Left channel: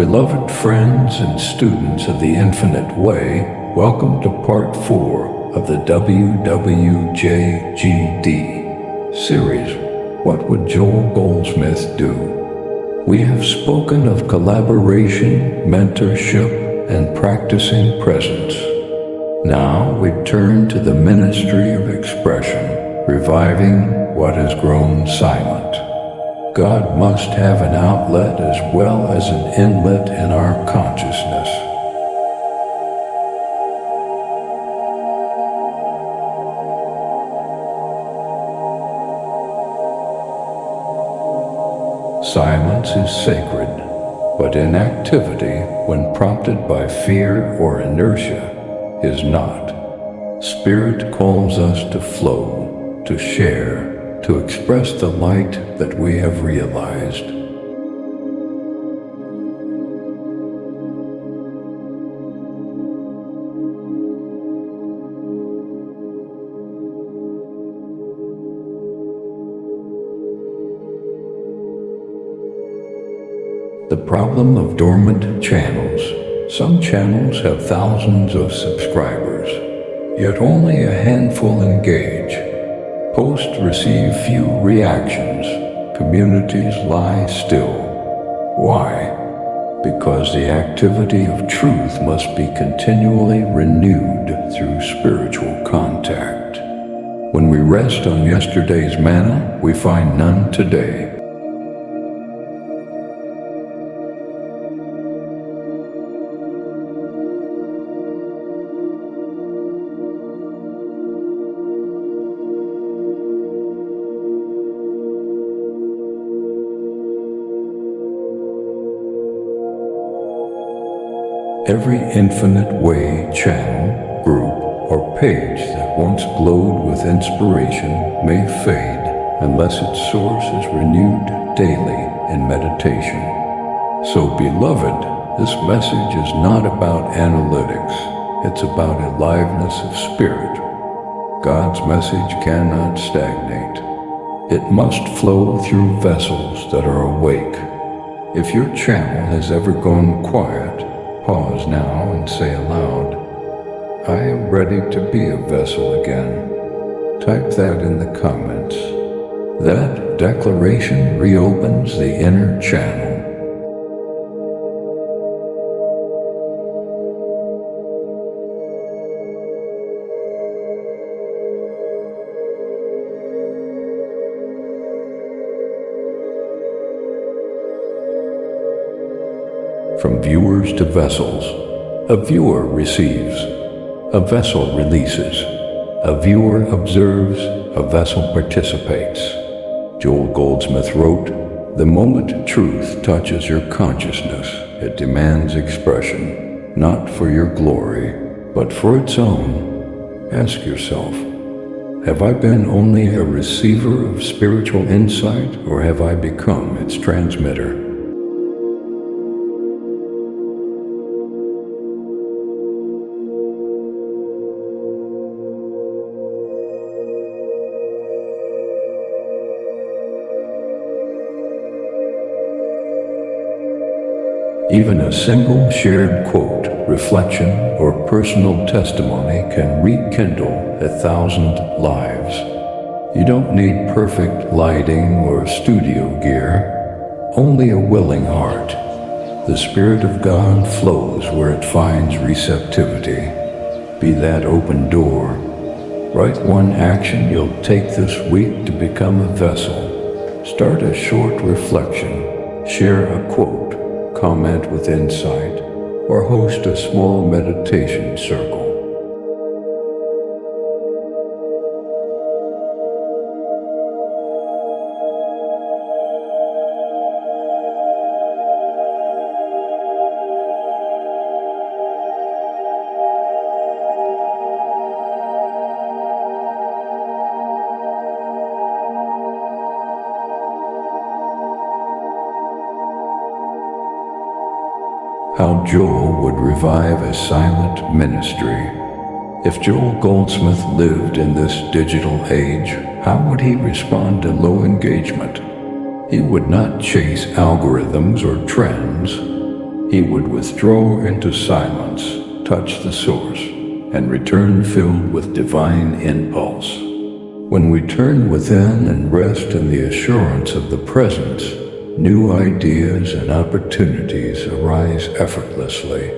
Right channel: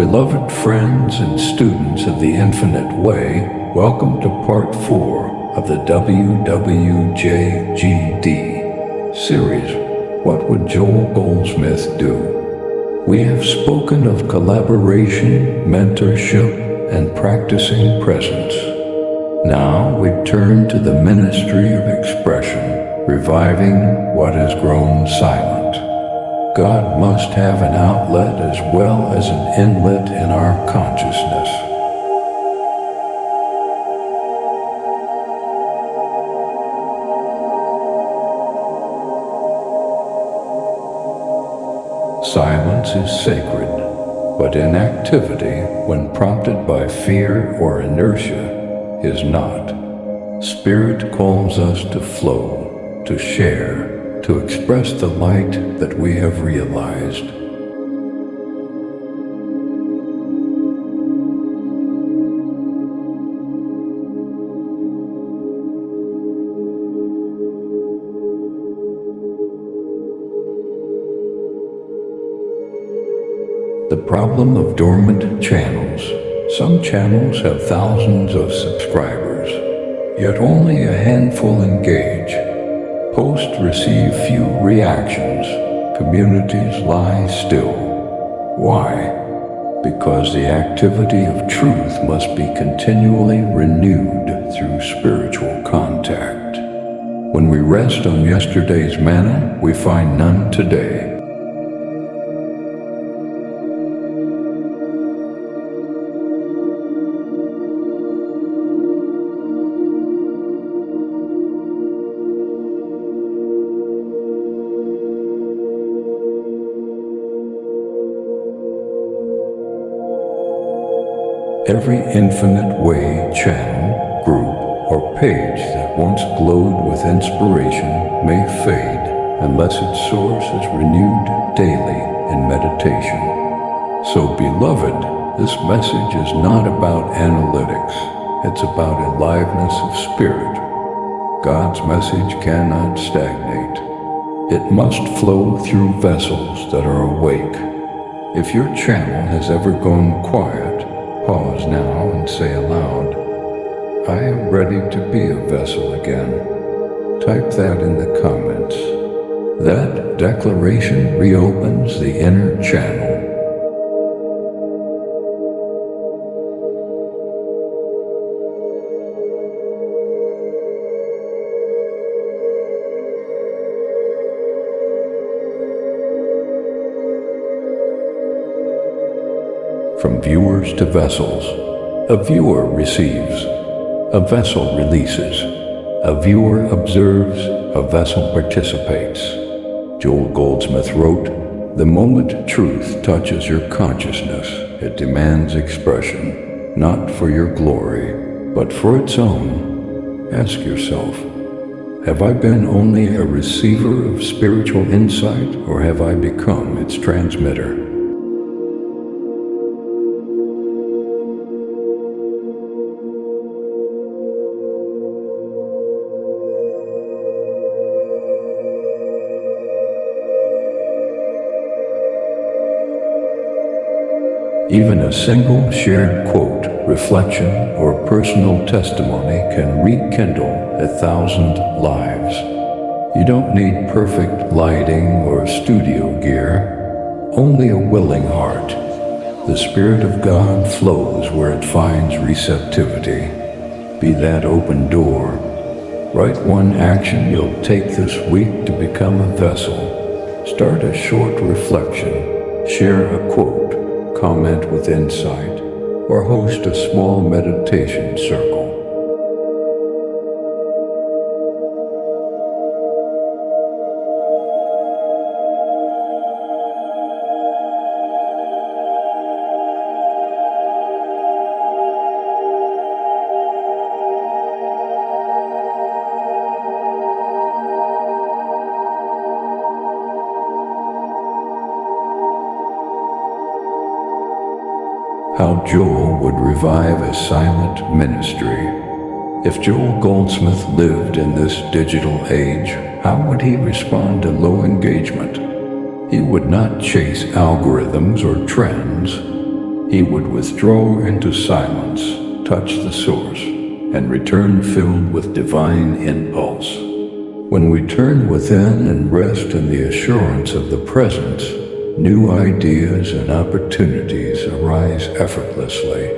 Beloved friends and students of the Infinite Way, welcome to Part 4 of the WWJGD series, What Would Joel Goldsmith Do? We have spoken of collaboration, mentorship, and practicing presence. Now we turn to the ministry of expression, reviving what has grown silent. God must have an outlet as well as an inlet in our consciousness. Silence is sacred, but inactivity, when prompted by fear or inertia, is not. Spirit calls us to flow, to share, to express the light that we have realized. The problem of dormant channels. Some channels have thousands of subscribers, yet only a handful engage. Posts receive few reactions. Communities lie still. Why? Because the activity of truth must be continually renewed through spiritual contact. When we rest on yesterday's manna, we find none today. Every Infinite Way channel, group, or page that once glowed with inspiration may fade unless its source is renewed daily in meditation. So, beloved, this message is not about analytics. It's about aliveness of spirit. God's message cannot stagnate. It must flow through vessels that are awake. If your channel has ever gone quiet, pause now and say aloud, I am ready to be a vessel again. Type that in the comments. That declaration reopens the inner channel. From viewers to vessels, a viewer receives, a vessel releases, a viewer observes, a vessel participates. Joel Goldsmith wrote, "The moment truth touches your consciousness, it demands expression, not for your glory, but for its own." Ask yourself, have I been only a receiver of spiritual insight, or have I become its transmitter? Even a single shared quote, reflection, or personal testimony can rekindle 1,000 lives. You don't need perfect lighting or studio gear, only a willing heart. The Spirit of God flows where it finds receptivity. Be that open door. Write one action you'll take this week to become a vessel. Start a short reflection. Share a quote. Comment with insight, or host a small meditation circle. How Joel would revive a silent ministry. If Joel Goldsmith lived in this digital age, how would he respond to low engagement? He would not chase algorithms or trends. he would withdraw into silence, touch the source, and return filled with divine impulse. When we turn within and rest in the assurance of the presence, new ideas and opportunities arise effortlessly.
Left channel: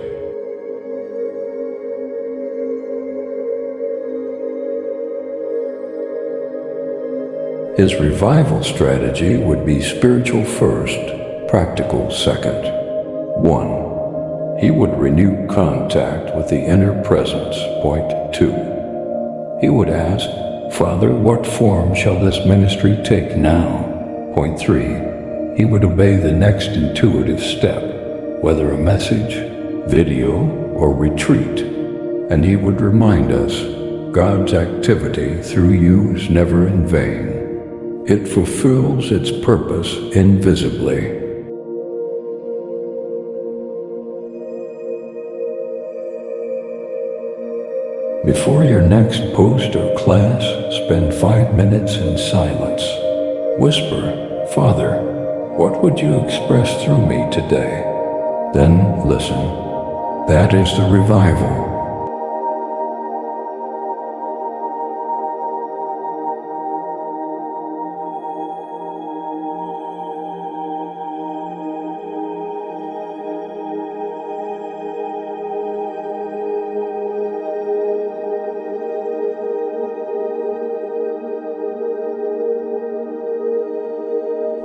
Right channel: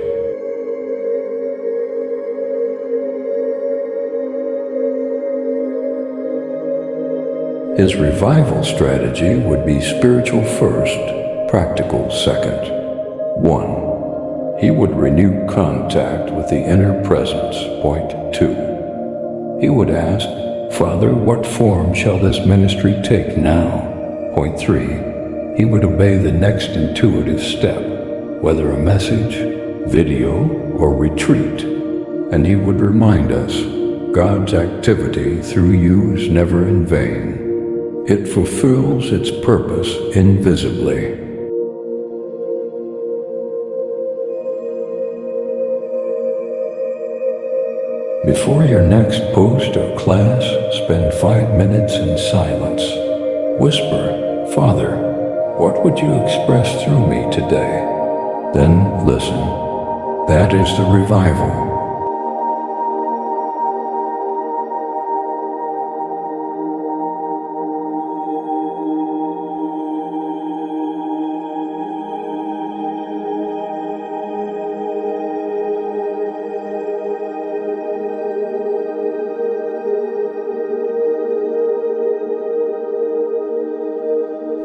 His revival strategy would be spiritual first, practical second. 1. He would renew contact with the inner presence. Point 2. He would ask, Father, what form shall this ministry take now? Point 3. He would obey the next intuitive step, whether a message, video, or retreat, and he would remind us, God's activity through you is never in vain. It fulfills its purpose invisibly. Before your next post or class, spend 5 minutes in silence. Whisper, Father, what would you express through me today? Then listen. That is the revival.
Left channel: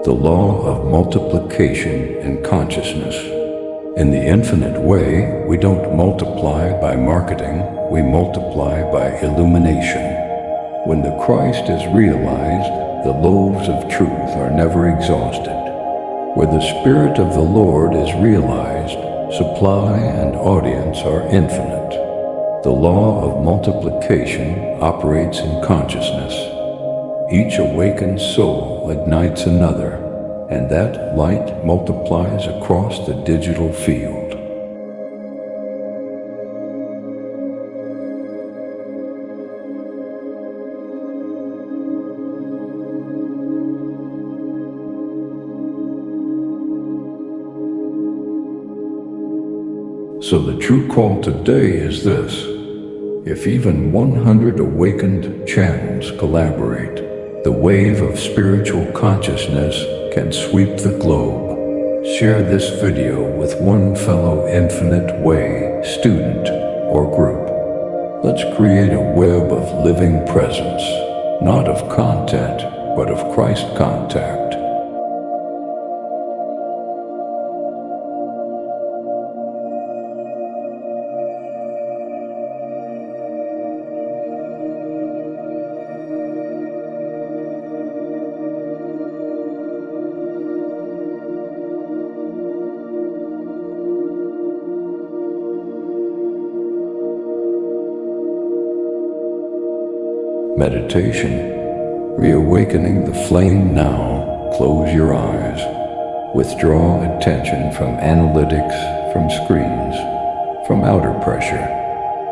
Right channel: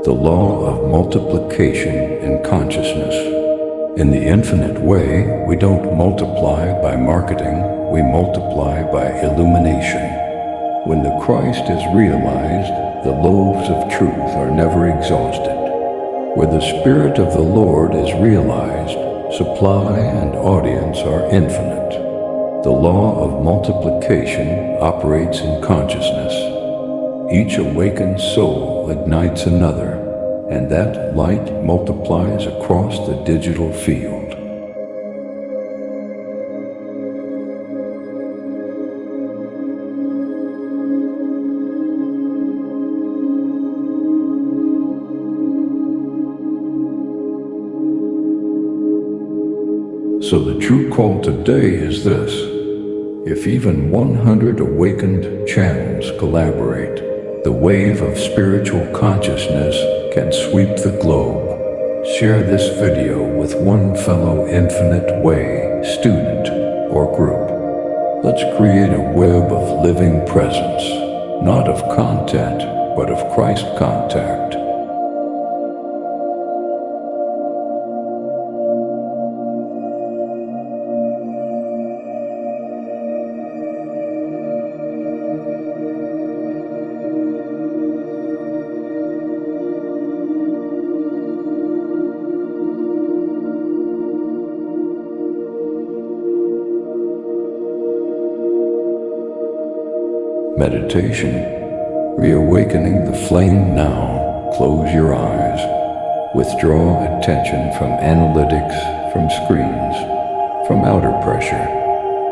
The law of multiplication in consciousness. In the infinite way, we don't multiply by marketing, we multiply by illumination. When the Christ is realized, the loaves of truth are never exhausted. Where the Spirit of the Lord is realized, supply and audience are infinite. The law of multiplication operates in consciousness. Each awakened soul ignites another, and that light multiplies across the digital field. So the true call today is this. If even 100 awakened channels collaborate, the wave of spiritual consciousness can sweep the globe. Share this video with one fellow Infinite Way student or group. Let's create a web of living presence, not of content, but of Christ contact. Meditation. Reawakening the flame now. Close your eyes. Withdraw attention from analytics, from screens, from outer pressure.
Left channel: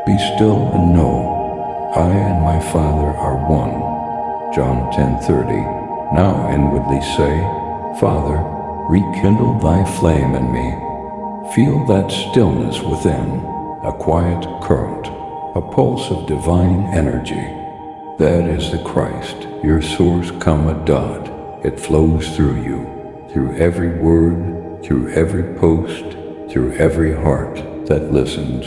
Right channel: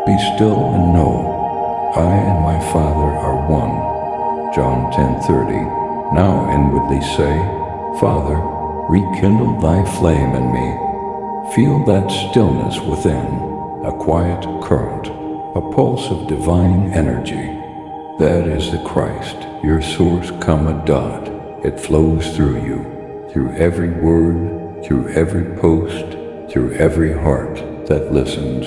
Be still and know, I and my Father are one. John 10:30. Now inwardly say, Father, rekindle thy flame in me. Feel that stillness within, a quiet current, a pulse of divine energy. That is the Christ, your source, dot. It flows through you, through every word, through every post, through every heart that listens.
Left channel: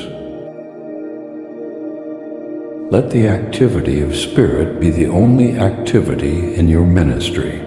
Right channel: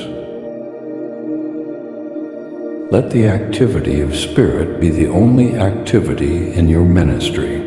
Let the activity of Spirit be the only activity in your ministry.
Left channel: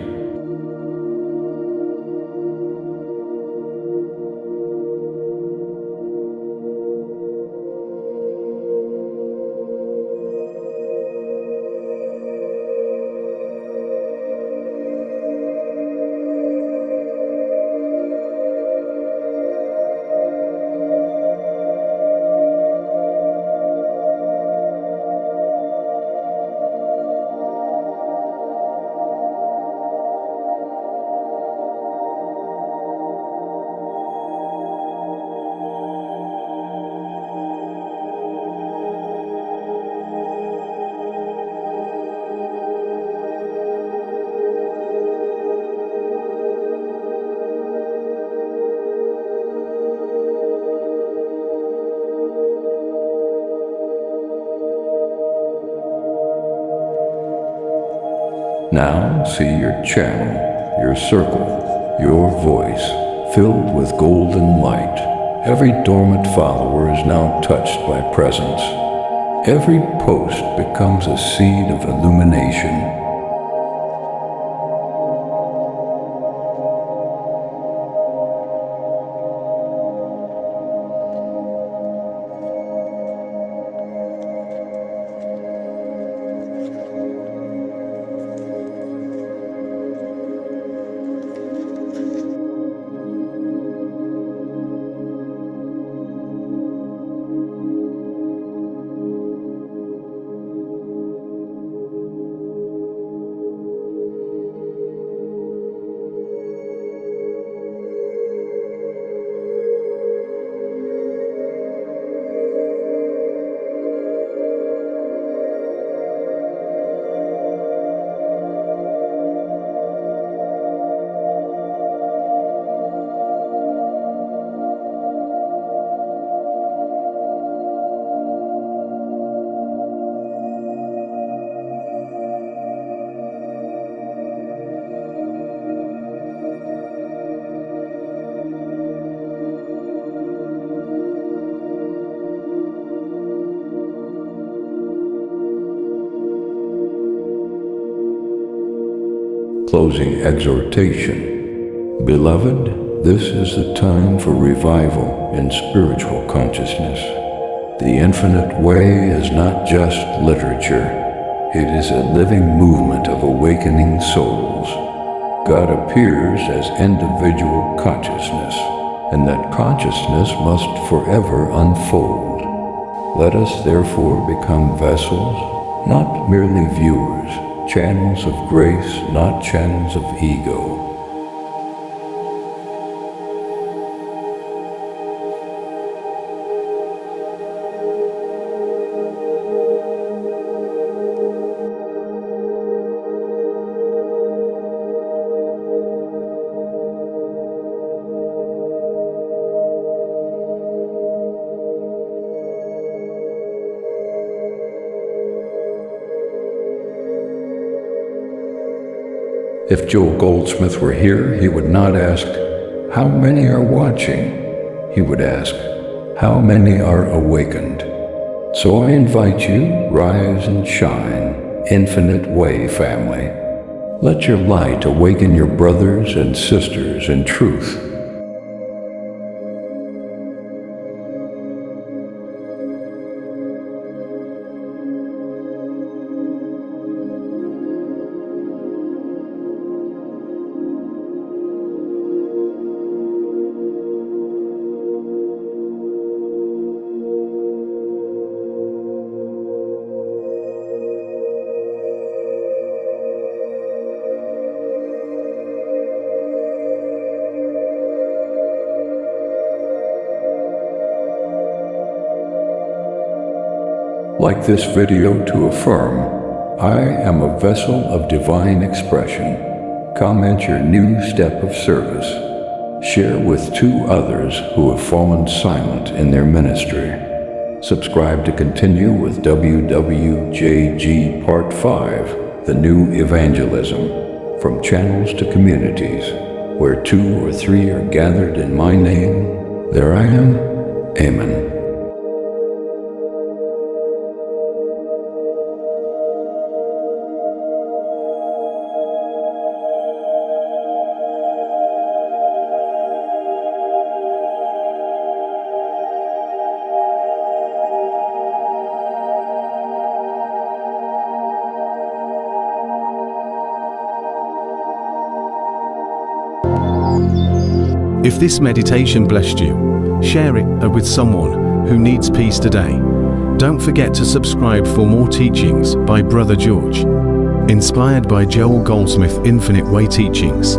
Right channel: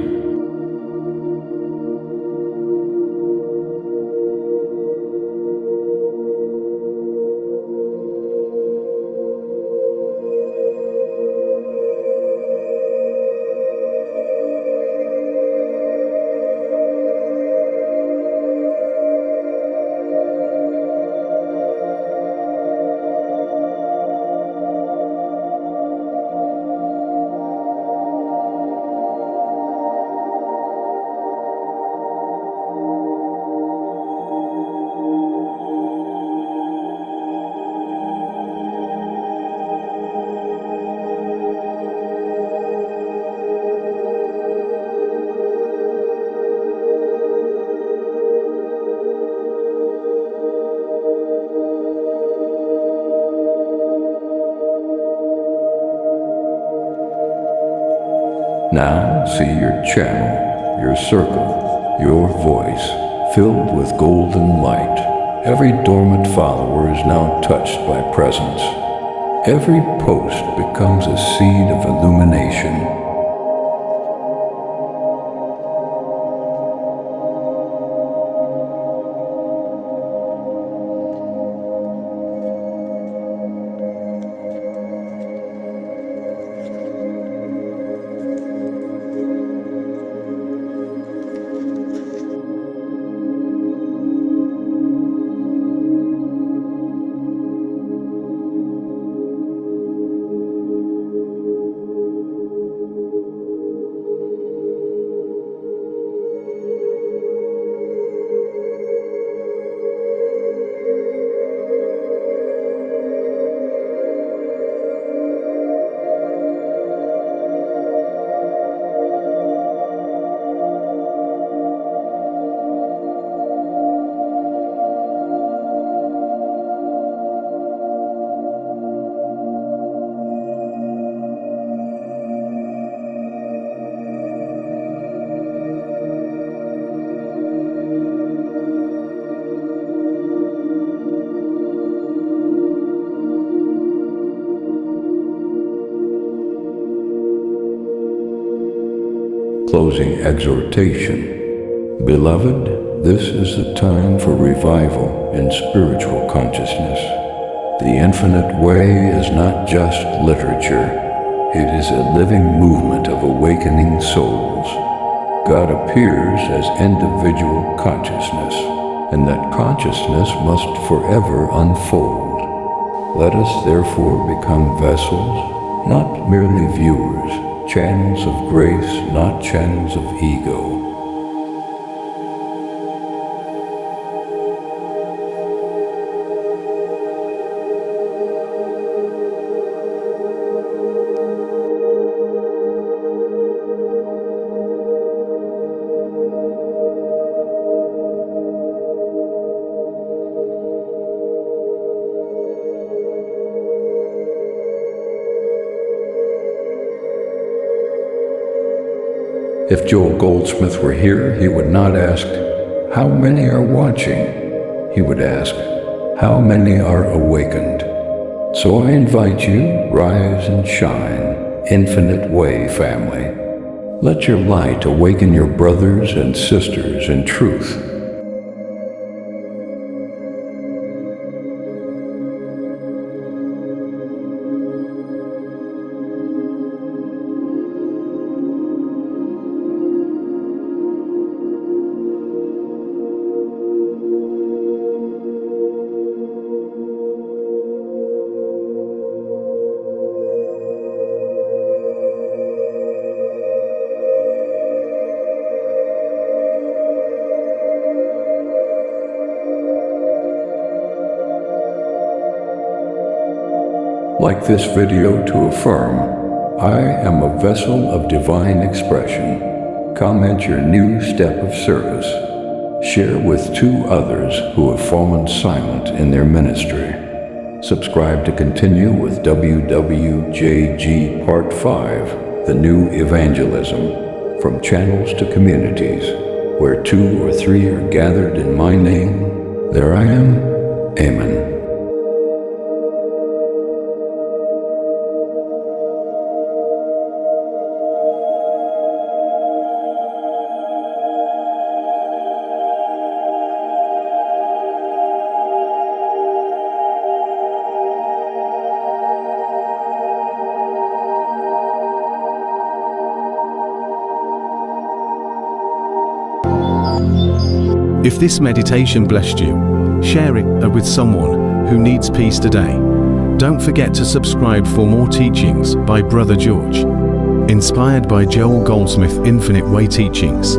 Now see your channel, your circle, your voice filled with golden light. Every dormant follower is now touched by presence. Every post becomes a seed of illumination. Closing exhortation. Beloved, this is the time for revival in spiritual consciousness. The infinite way is not just literature. It is a living movement of awakening souls. God appears as individual consciousness, and that consciousness must forever unfold. Let us therefore become vessels, not merely viewers, channels of grace, not channels of ego. If Joel Goldsmith were here, he would not ask, "How many are watching?" He would ask, "How many are awakened?" So I invite you, rise and shine, Infinite Way family. Let your light awaken your brothers and sisters in truth. Like this video to affirm, I am a vessel of divine expression. Comment your new step of service. Share with 2 others who have fallen silent in their ministry. Subscribe to continue with WWJG Part 5, The New Evangelism, From Channels to Communities, where 2 or 3 are gathered in my name, there I am. Amen. If this meditation blessed you, share it with someone who needs peace today. Don't forget to subscribe for more teachings by Brother George. Inspired by Joel Goldsmith Infinite Way teachings.